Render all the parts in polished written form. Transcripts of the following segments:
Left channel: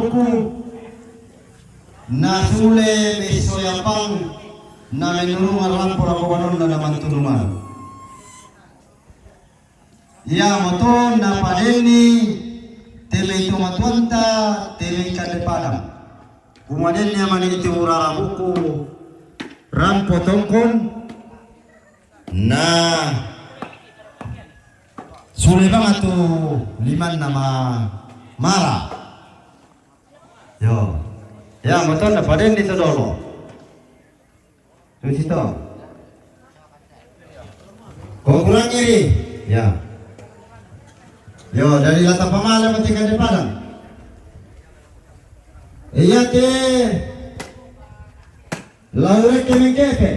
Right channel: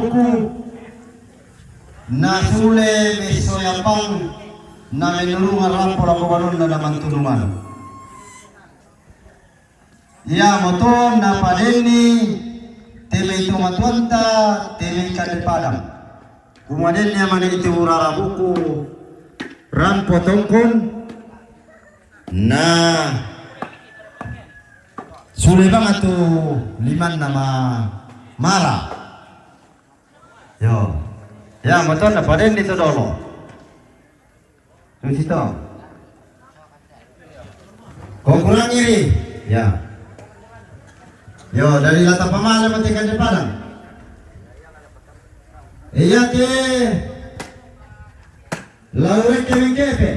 buku na sule mesoyapang na menulungan rampor ako kanon na naman tulungan. Ya moton na padeni tele tumatuanta tele kadepadang. Kumaden niya man iti urara buku rampo tongkon na sule banget tuh liman nama mara. Yo, ya moton na padeni itu dolo. Tuh situ. Kau kurang iri, ya. Yo dari latar pamala mati kan padang. Iya te lalu ke mengkepe.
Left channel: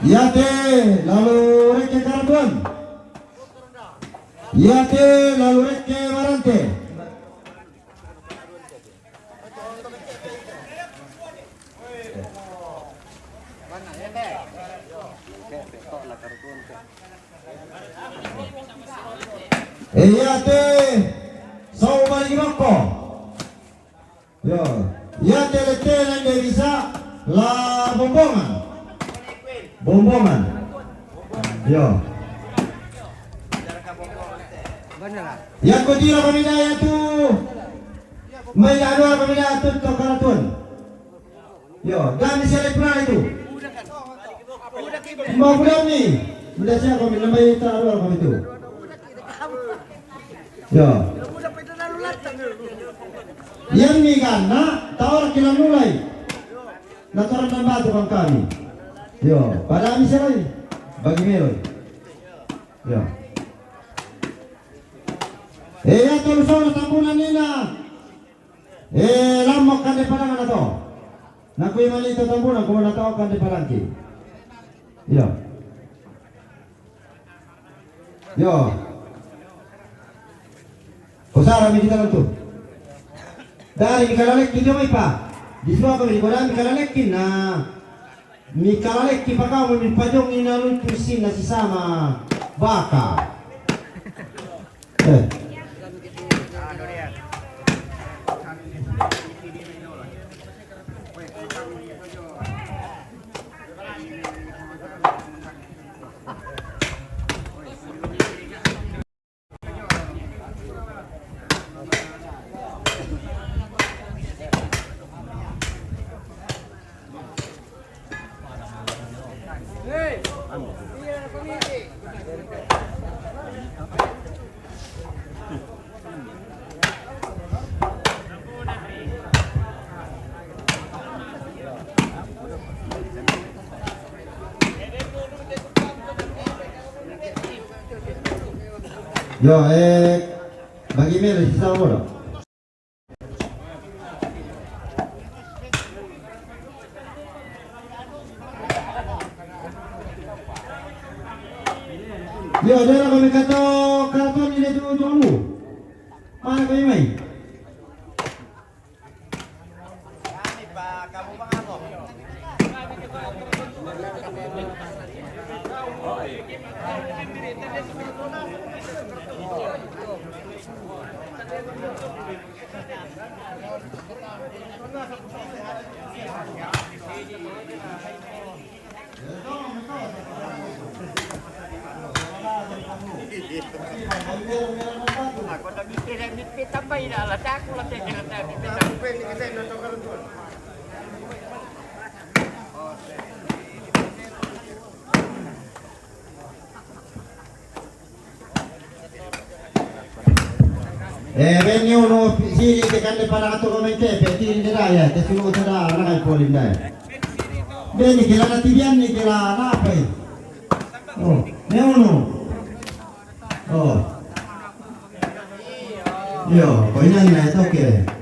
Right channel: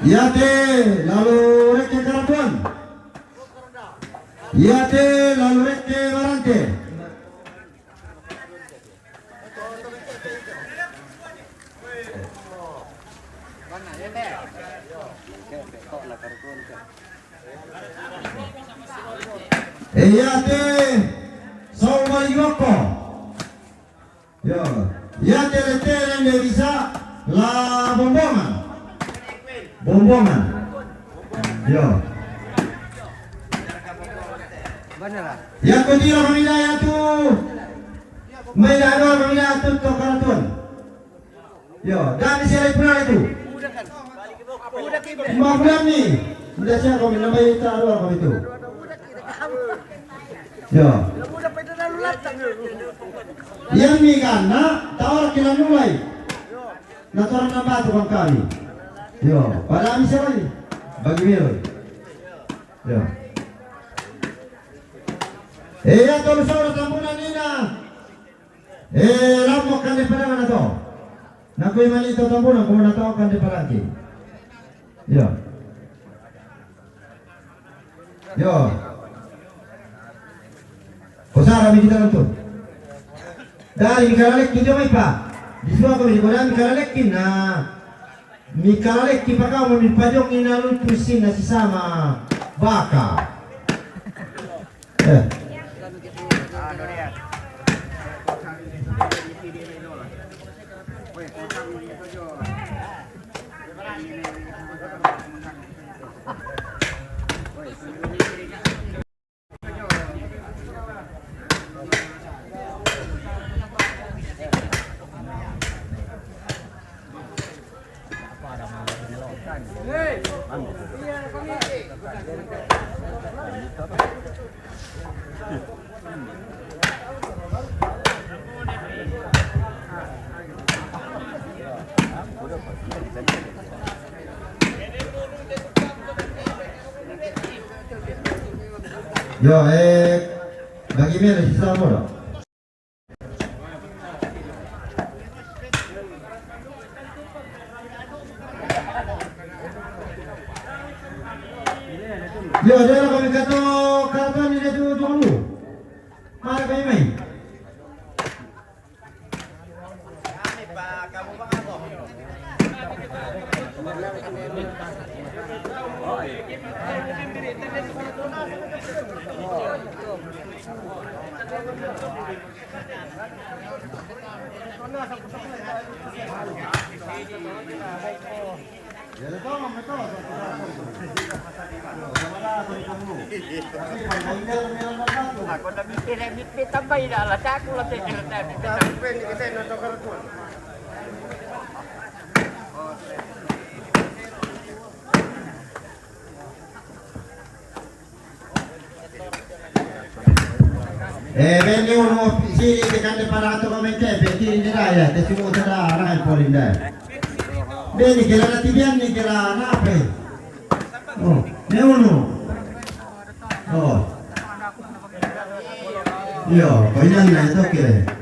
Iya te lalu ke karatuan. Iya te lalu ke marante. Mana ya teh? Kepe kok lah karatuan ke. Iya te sau bagi bako. Yo, iya te lete yang dia bisa la bombongan. Bombongan. Yo. Yang kedua pemilih itu Mailado pemilih itu tokaratun. Yo, dan di sini pernah itu. Mau berapa nih? Udah siapa kami namanya taruh kami itu. Yo. Yang ni kan, nak tawar kita mulai. Nak orang nambah tu bang kami. Yo, pada kami siapa ni? Bagi milo. Yo. Ya terus orang tampunan ni na. Lamok kan di padangan atau? Nak kau mali itu tampunan, kau nak tahu kan di padangki. Yo. Yo. Usara mi kita nonton. Dari mikalek kita mai pa. Di semua kami di koran mikalek na. Mikalek kita kau mi pajong inalun pusin na si sama baka. Yo, bagi milo sisa mo. Yo, dia nak kami kata karatuan ni dia tu kamu. Mana kami mai? Kami Pak, kamu bang ako. Ako na mikir tambay na alas ako lang Venne uno sì che cade parato come te per ti renderai te si vuole dare la il fuori dai. Bene che la nativiani che la nape. Oh, ne uno. Oh. Io, poi non è ok.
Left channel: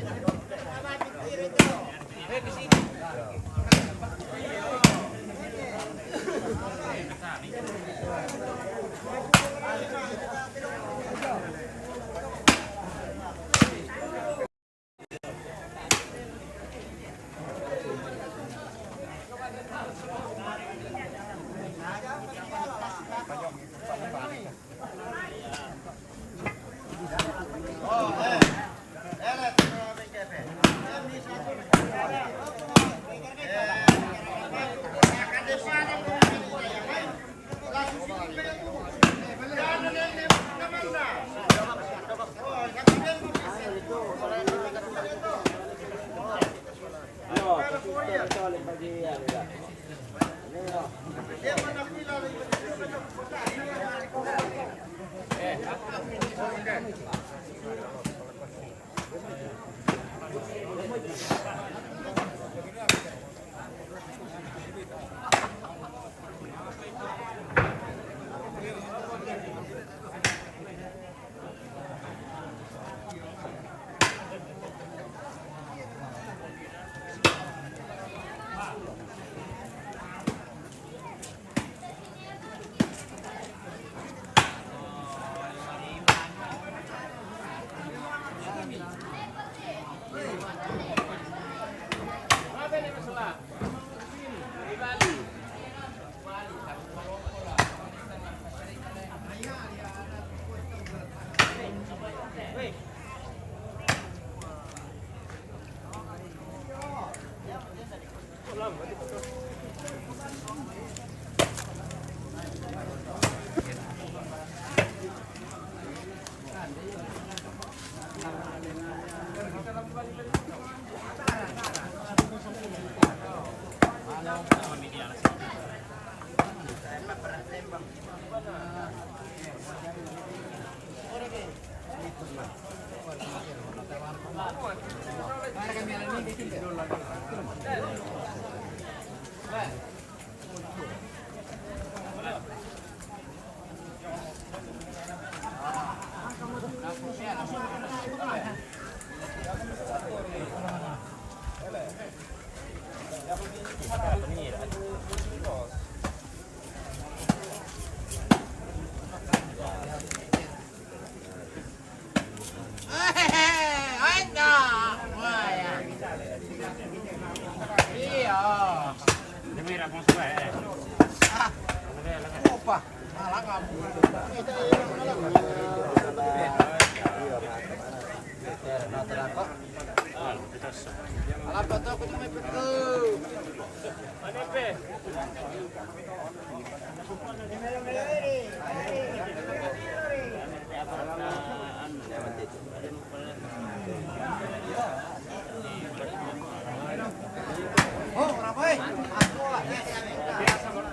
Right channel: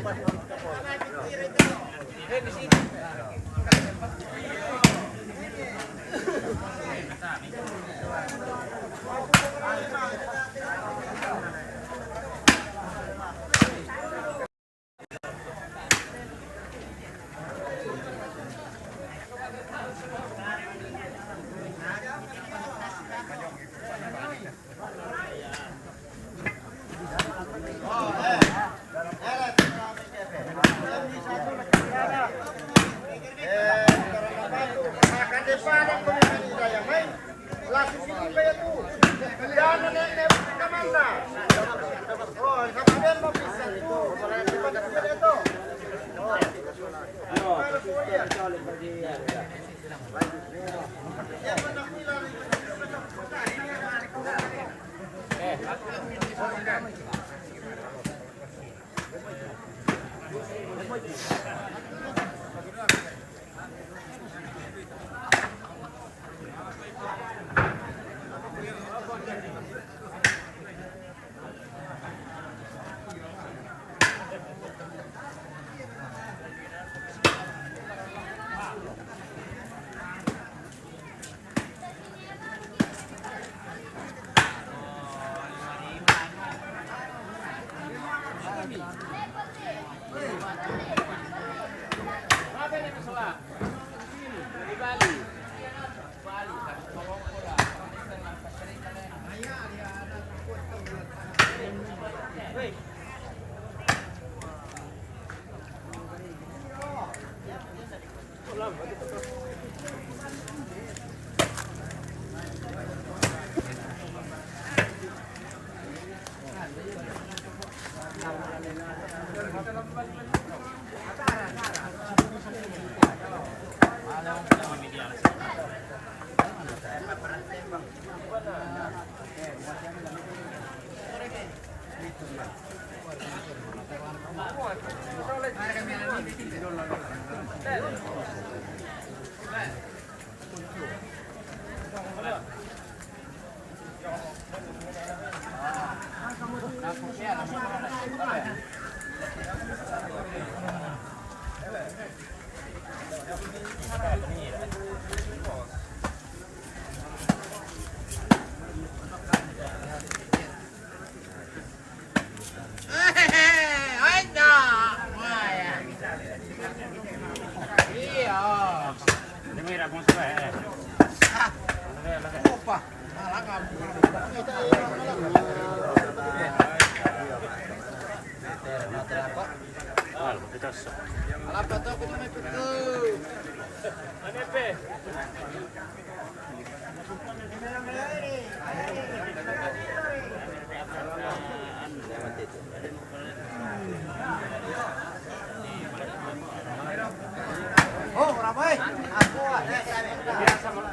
Oh, ramai. Aku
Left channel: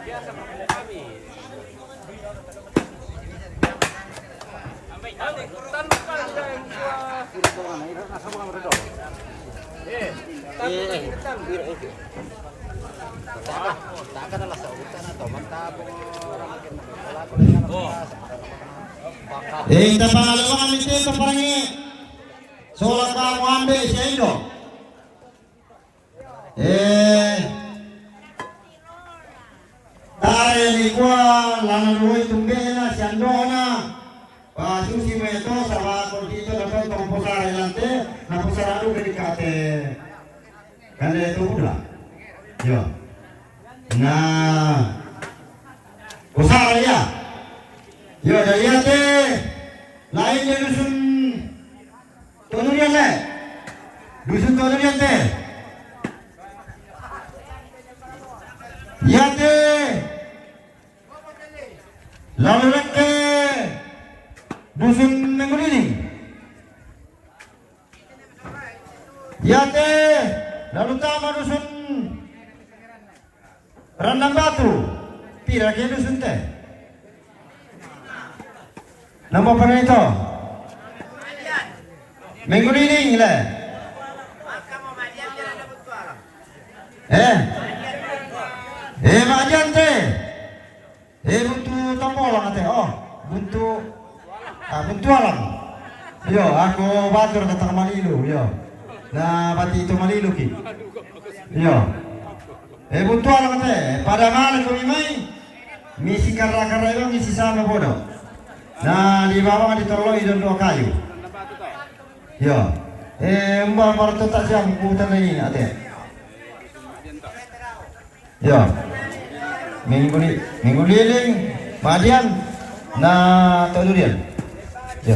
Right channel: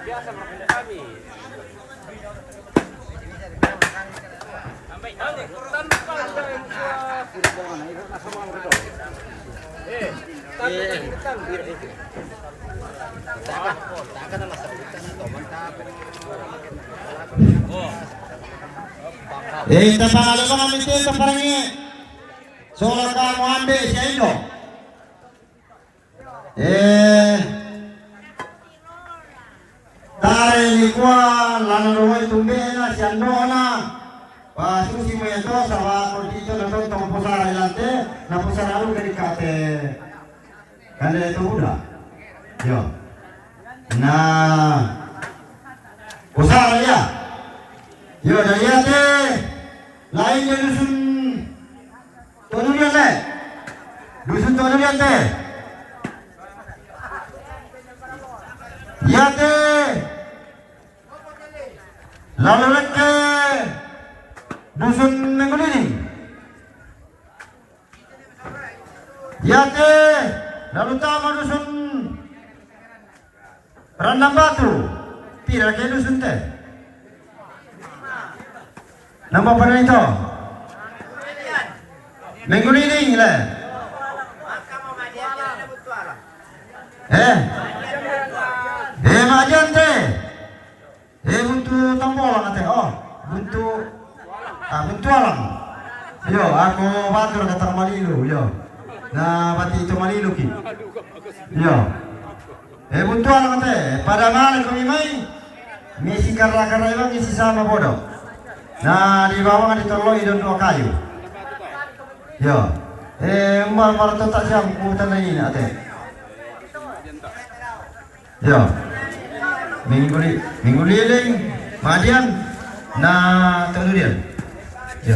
biasa makan kami. Tanpa ada yang buat. Kita pangalan ko kami sa parangi. Sola ka mo ambe sa Indo. Tare ni kwa lanuroy tumbena si Andona. Pasusi mo ito sa mga dito na ito kapusara ilante na pusararo dari kate. Kanda ito pula. Yo. Na pusara ya. Yo dari ate lain je dusun Tonurian le. Dusun Tonurian te. Yate lalu leke dusun Menggulini. Yate lalu tamu dusun Randang Batu. Pira ke dusun te. Nama apa itu? Menggulini le. Majan te. Buntu tampolan ate. Oh, buntu alam. Yo, aku batur kata Malilu, yo. Na bati itu Malilu ki. Yo. Buntu alam ate. Pada mana kau imai? Misi karena lang isi sama bodoh. Na di bawah ditoloi dan dua kayu. Yo. Umar malah tak jam kutan ini ate. Yo. Minggu liling Madian na Tonurian. Yo.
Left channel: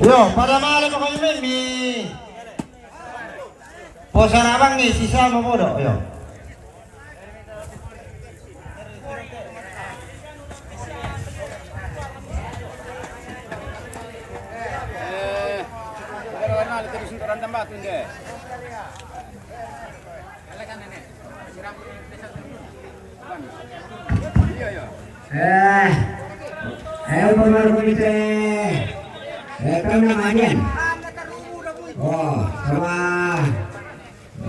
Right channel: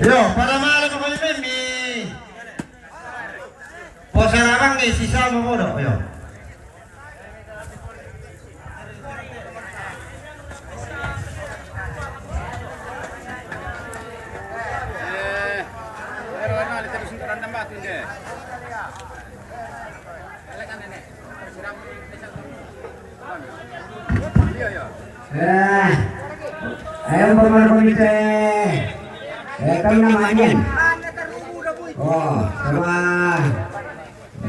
Yo, pada malam ko kami mi posarabang ni sisa mo bodo. Yo. Pero ano, ito rin sa Randang Batu, hindi. Pembangunan komite kami namanya. Oh, sama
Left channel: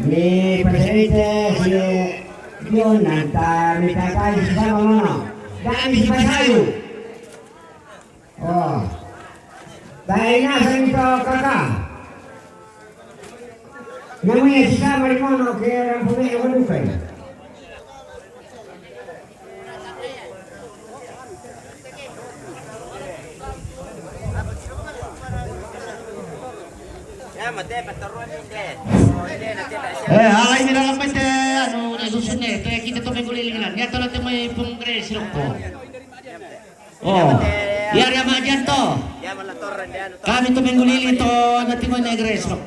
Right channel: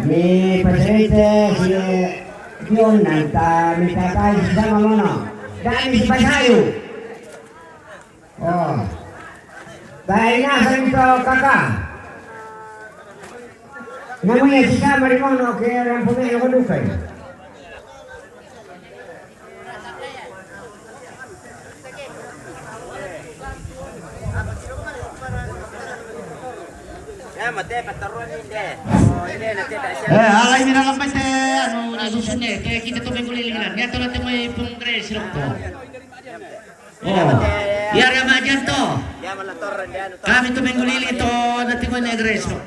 mi presidente si Jonathan mi tatay si sama mono. Dami si Basayu. Oh. Dahil nasa nito kakak. Namanya si sama di mono kaya ang pumili ko lupay. Alay nila lang ba ano nasusunod kaya kita to may kulilingan. Yato natin may pongres ko. Oh. Yara ma dyan to. Kami to may kulilin to natin mo negres ko.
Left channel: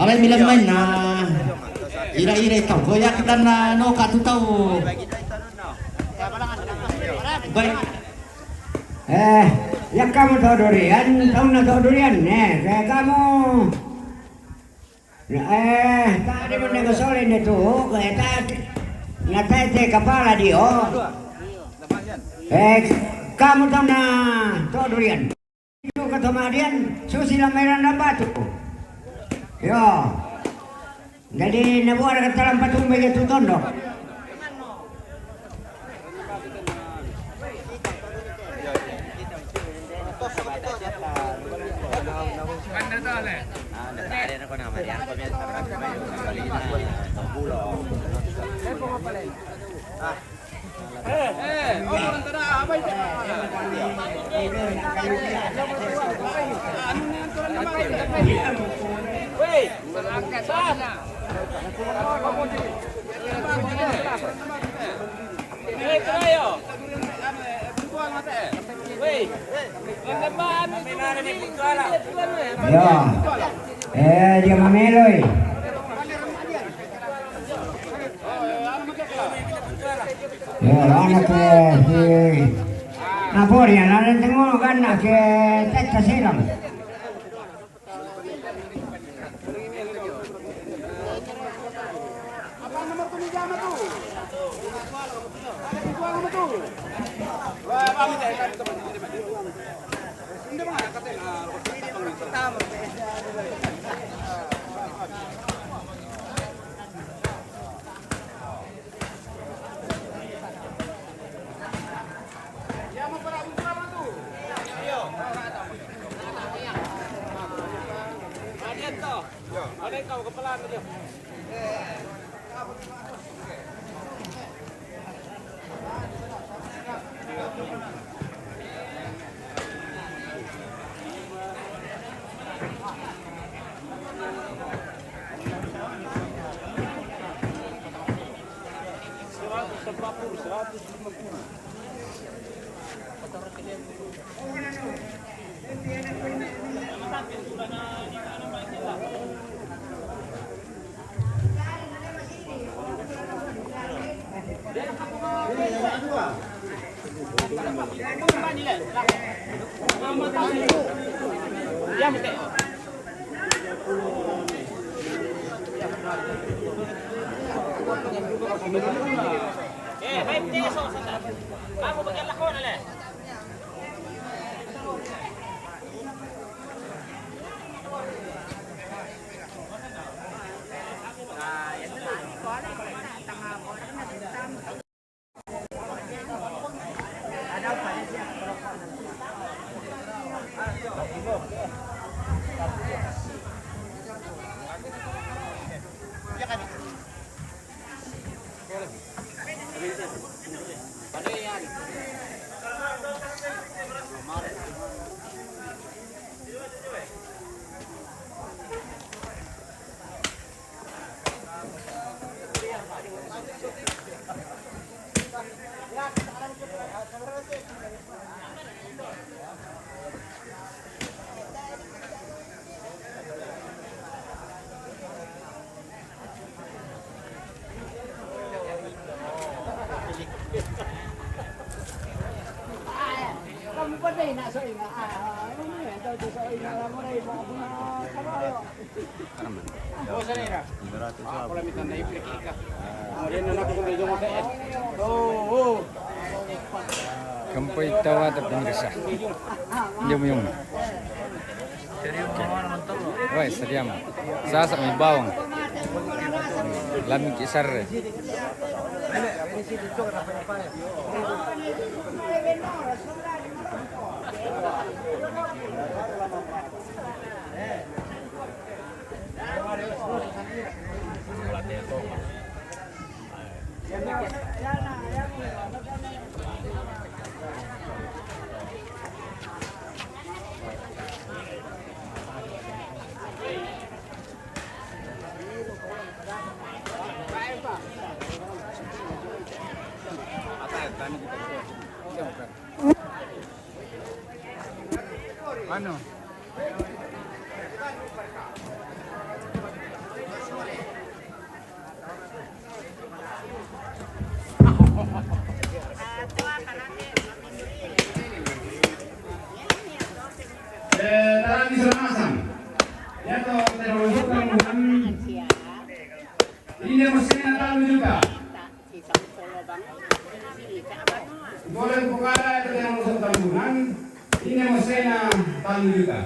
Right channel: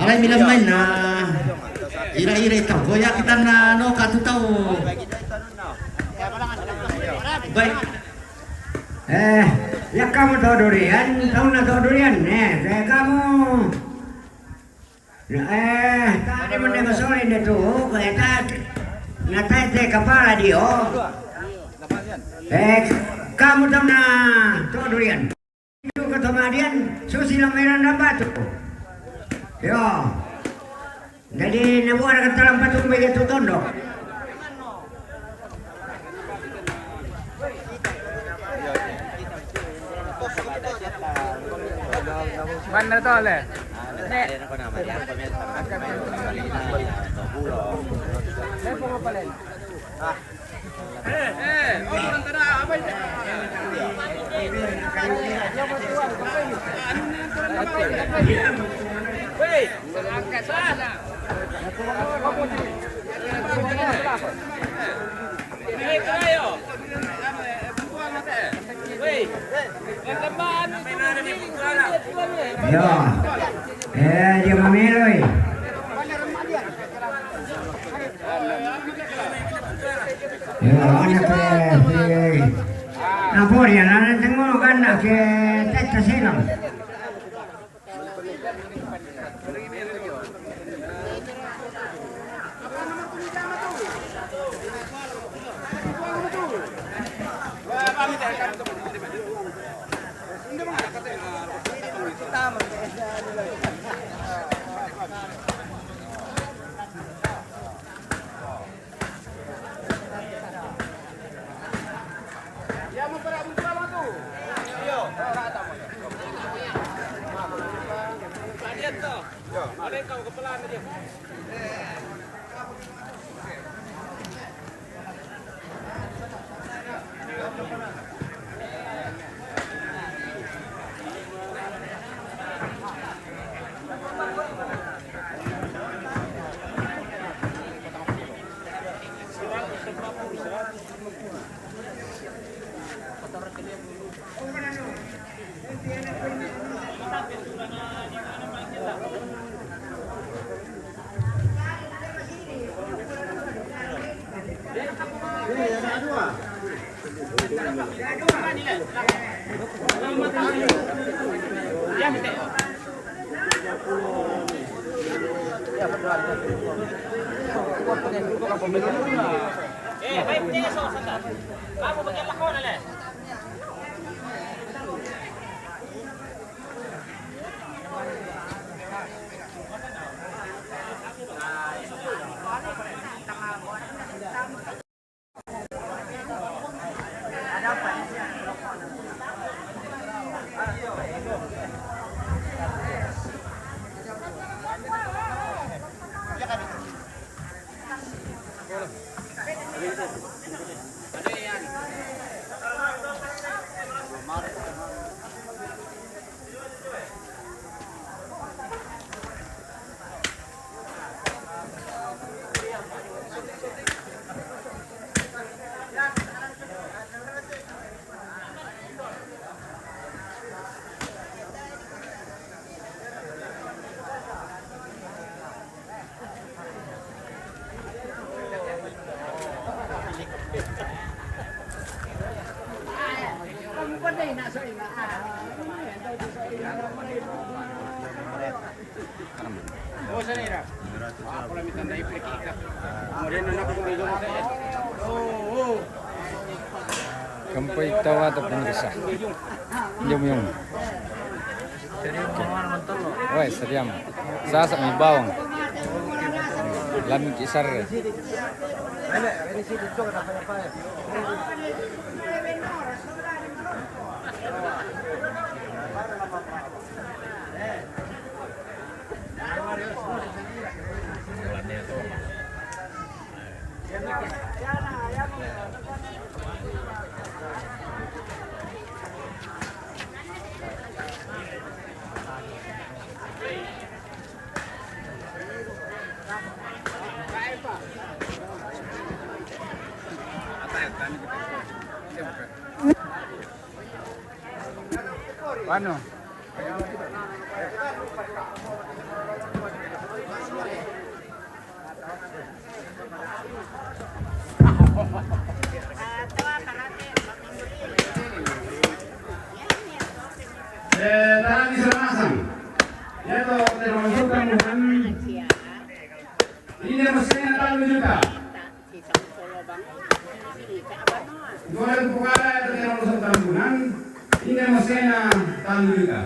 Alay bilang man na ira-ira ito. Goya kita na no katutaw. Baik. Ya kamu tahu durian, tahu nak tahu durian, kamu. Tadi mana soalin itu, tadi kepala dia. Kamu tahu nak tahu durian? Itu kata Madian, susila merah dan batu. Yo, jadi nabuar kata dalam patung begitu tondok. Mana to le? Ada na ko na Marian, pamilya sa Marina, Bulo. Orang tara abay. Ano na yan turan na ba? Wait, angkat sana. Hey, kayo. Bukuan mate. Wait. Lamban itu Yo, dia memeloi. Ya, anak si Napoleon, anak tengok kan nak ke Texas silam. Ada kau kepala dia. Baik peso sandal. Kamu bagian lakon ale. Oh, sanira. Pala mitanda iplik ka. Kemudian anak ko medyo mo sa. Oh. Kampoy tawa at pinagsa. Yung. Wah, seriam. Sasak may bawang. Lamig isar. Ano? Tarang di sana masang. Ya to termasuk kan ini mesin yang tahu juga. Boleh bukara itu termasuk tanggungan. Ini mesin yang tahu juga.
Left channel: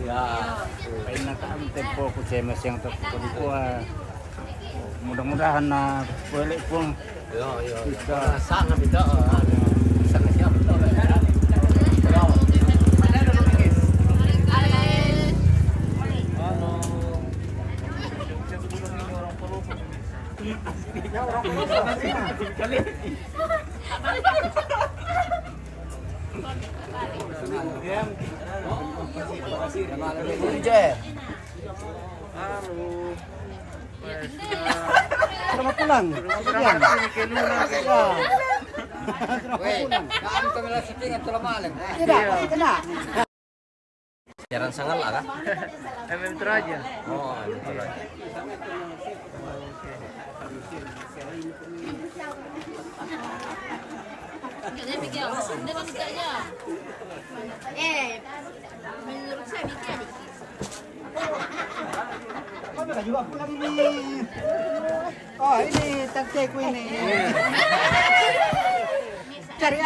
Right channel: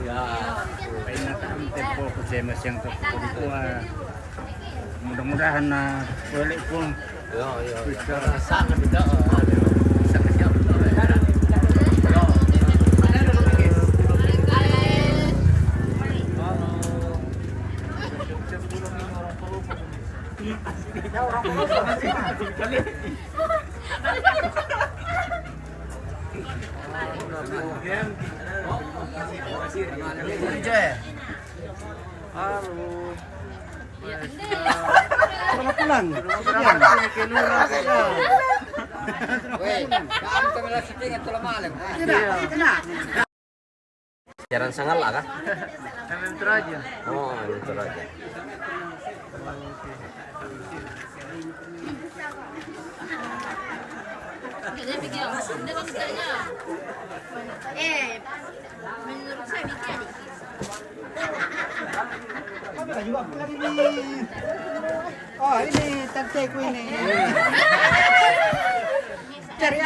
Ya, pinataan tempo ko sa mas yang terkumpul. Mudah-mudahan na boleh pun. Sangat beda. Sangat siap. Selamat pulang. Jarang sangal lah kan? MM aja. Oh, itu aja. Menurut saya mikir dikit. Kamera juga pulang ini. Oh ini tanteku ini. Cari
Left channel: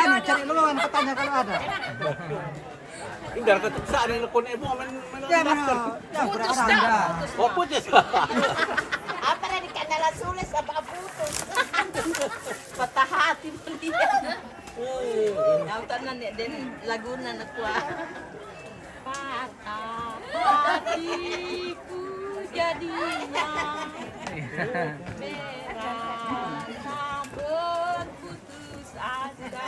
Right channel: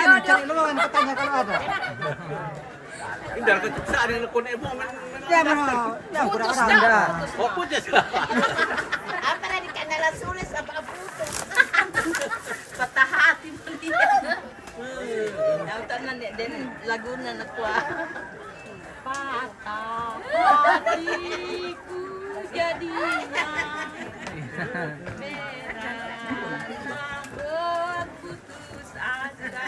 lowongan petanya kalau ada. Indar ketuksaan yang lekun emo Ya Putus dah. Oh, putus. Apa dari kanala sulis apa putus? Patah hati dia. Yang tanan dan laguna na kuah. Patah hatiku jadinya merah sabun putus asa.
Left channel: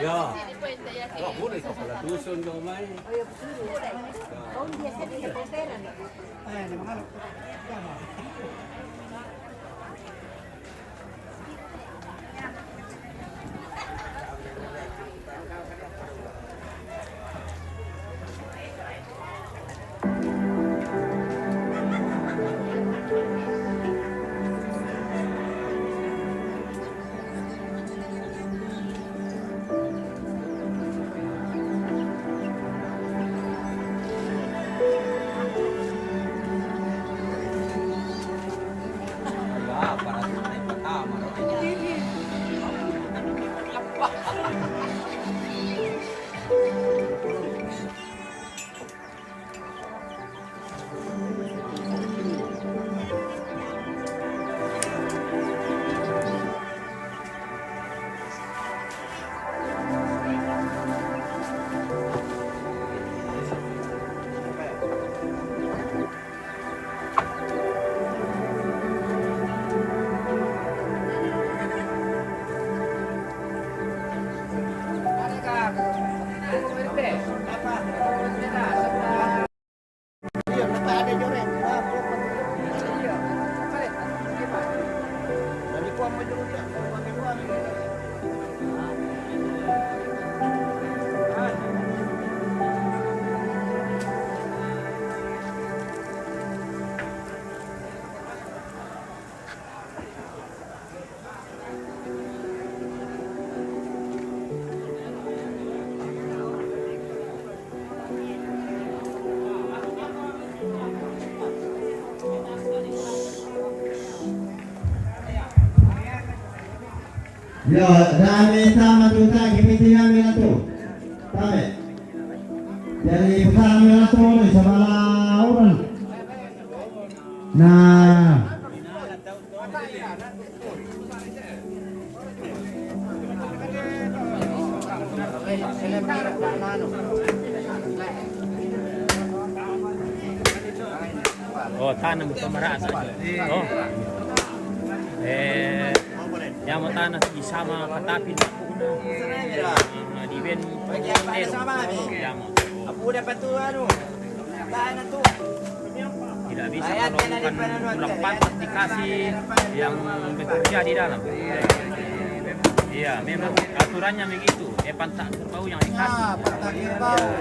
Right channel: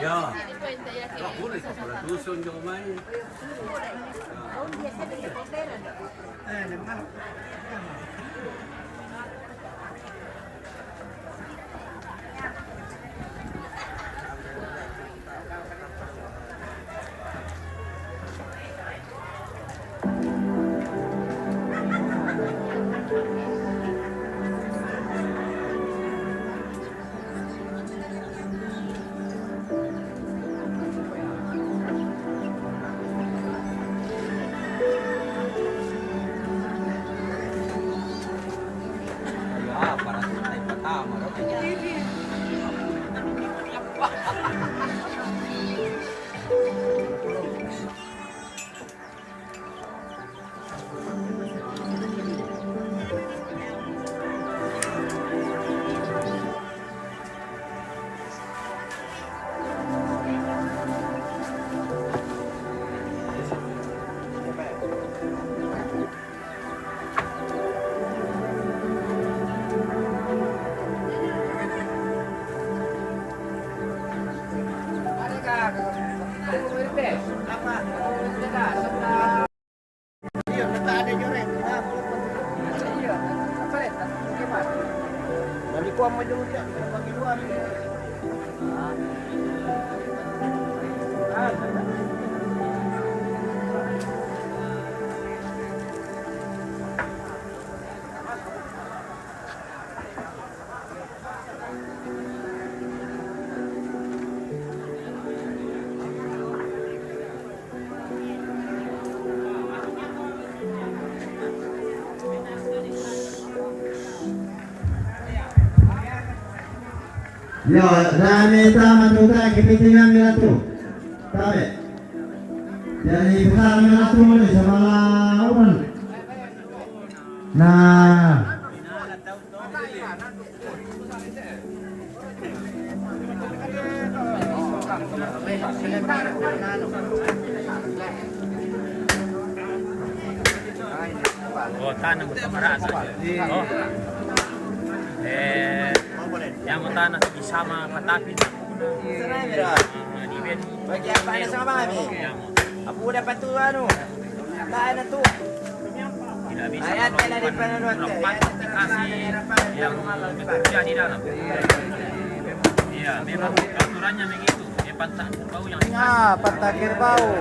Ya. Boleh dusun jo mai. Para naik pertama. Yo, dami tama tuta kipitingan nila tu. Tama. Jadi bukan nila tu ni sama orang. Nah. Oh, tanam kemaraan saja. Yang mau tanah sama petapin. Di ben. Bagi yang pakai sama kami. Aku dapat tu anu. Tahan tu. Tidak bisa. Ayat kena di penaruan tu. Dikasih yang bekerja di dalam. Iya, memang aturannya begitu. Pantang bau yang dikasih. Pantang bau.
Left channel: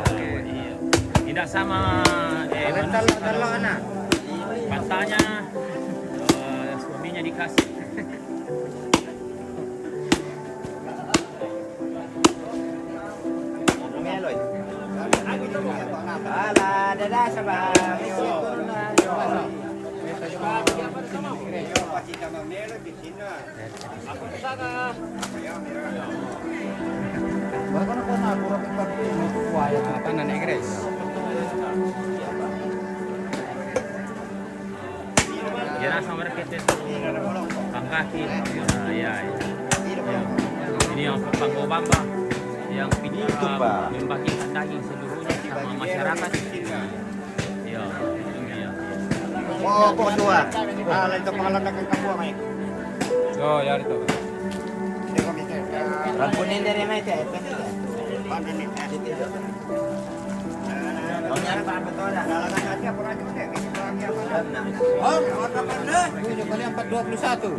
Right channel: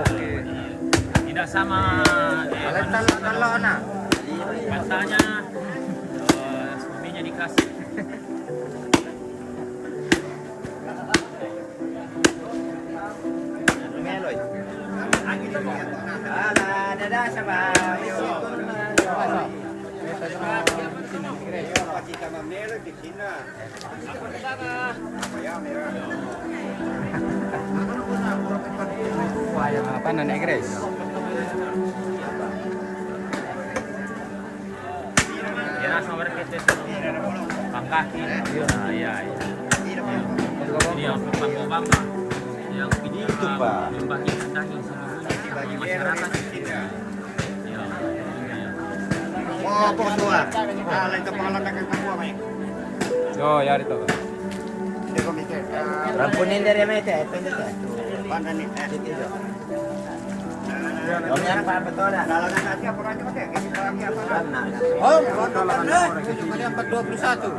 Tidak sama. Kalau anak. Pantanya suaminya dikasih. Alah, dadah sabah. Apa nenek Grace? Kaki, ini yang Bamba yang membagi daging seluruhnya sama masyarakat. po dua. Lain sa pangalan ng kagkabuha may. Oh, yari to. Hindi ko mikir. Rampunin dari mete. Paano ni? Nangyari para ba ito na? Nalangan natin ako na naman eh. Oh, nalangan na. Yung kanyang 421.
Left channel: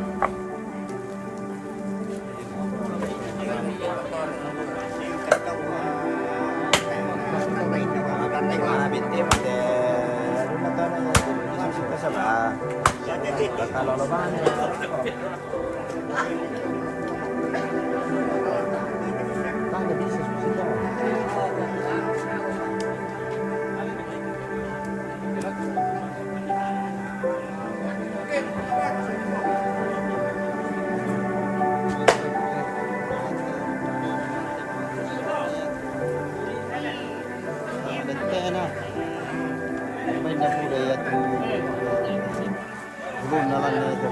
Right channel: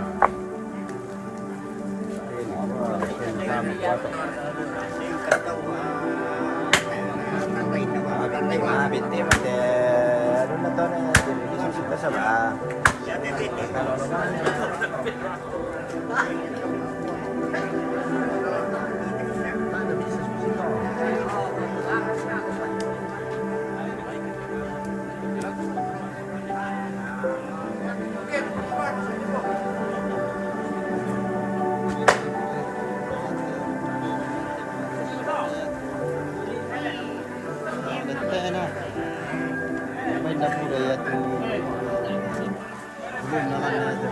Tantay ko nga, binti mo. Ano na ito na? Isusip ka sa ba? Kalolo ba? Na may napulay at belum na lang na ito.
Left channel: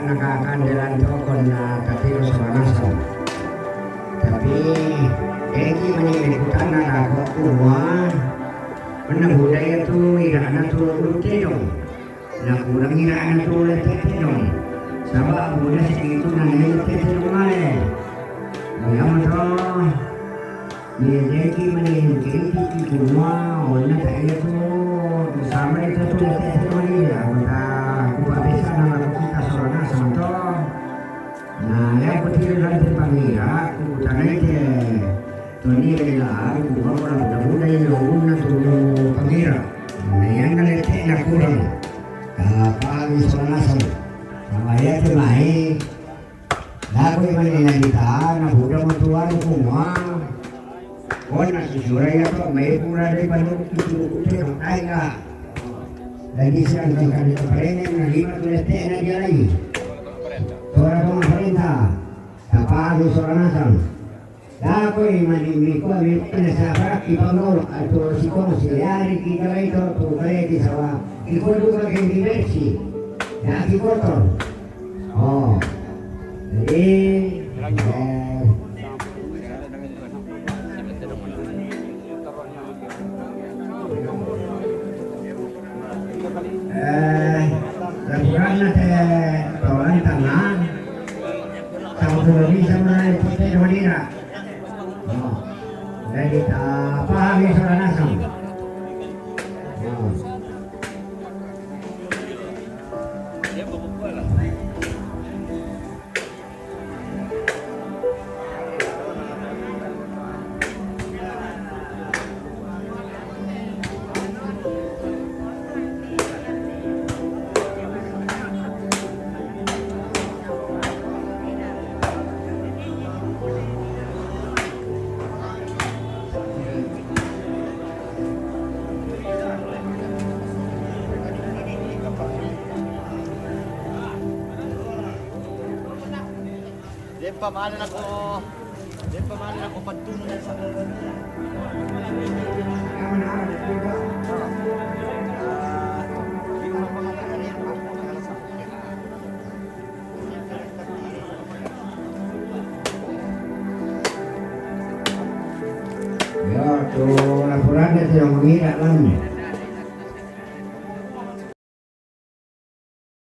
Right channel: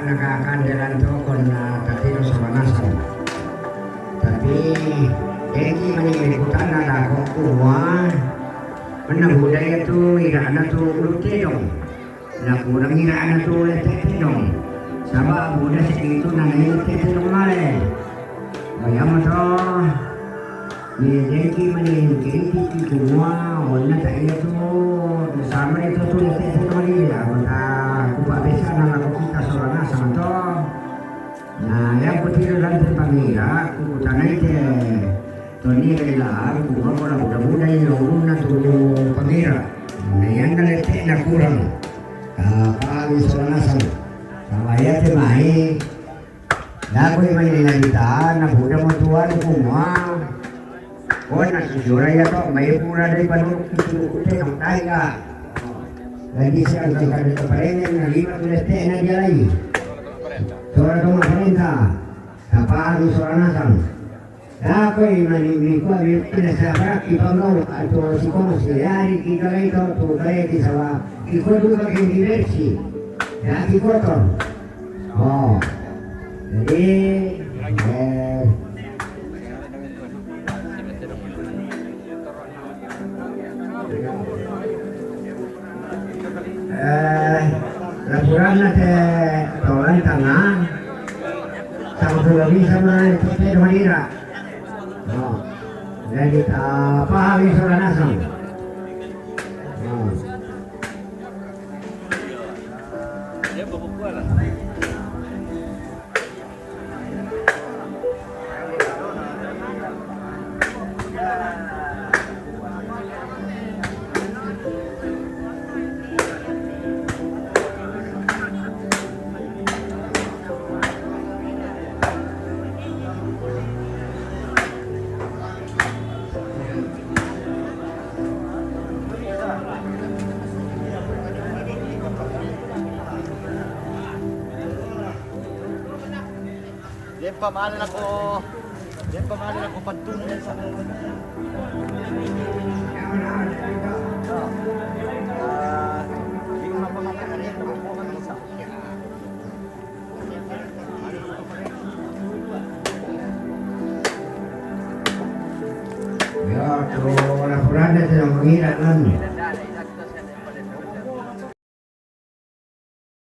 Nakakandalan to kon na katiro sa lanasan. Tapi eki maniliputan na ako kuwa. Mana budaya tu iraan tu lute dong. Na kurang iraan tu lute dong. Sabab budaya segitu na lute rumale. Bayam to. Ni eki maniliputan kuwa. Ona tayo tu sama itu tu lute rumale. Bisa kita soalnya santo. Nah, ya betul dalam pangira, aku tanai ke Tony adalah aku orang muda yang luna tu pangira. Nah, yang nak nak kurang. Kami soalnya santo. Sama ya tu mai. Dah kau ini kita, nak muda mutuan semua. Kau nak sesuai apa? Mai pura dari baru kita kita tanya. Lagi siang kita ada perayaan yang lima tulis tena dia lagi. Suara pemerintah, tanpa ada suara nasam. Dah kau ini kau ini penasihat ipamau atau si kau hari kita itu tu kaya di sawah. Ikut juga ke diversi, dah ikut tu. Oh, jadi. Laporan ada tolong tangan, sama sudah bisa melalui putih Madinah. Jadi pahami sudah langsung. Yan pamahalan ako pagtunay sa Ya, tu laporan itu yang mengira kan.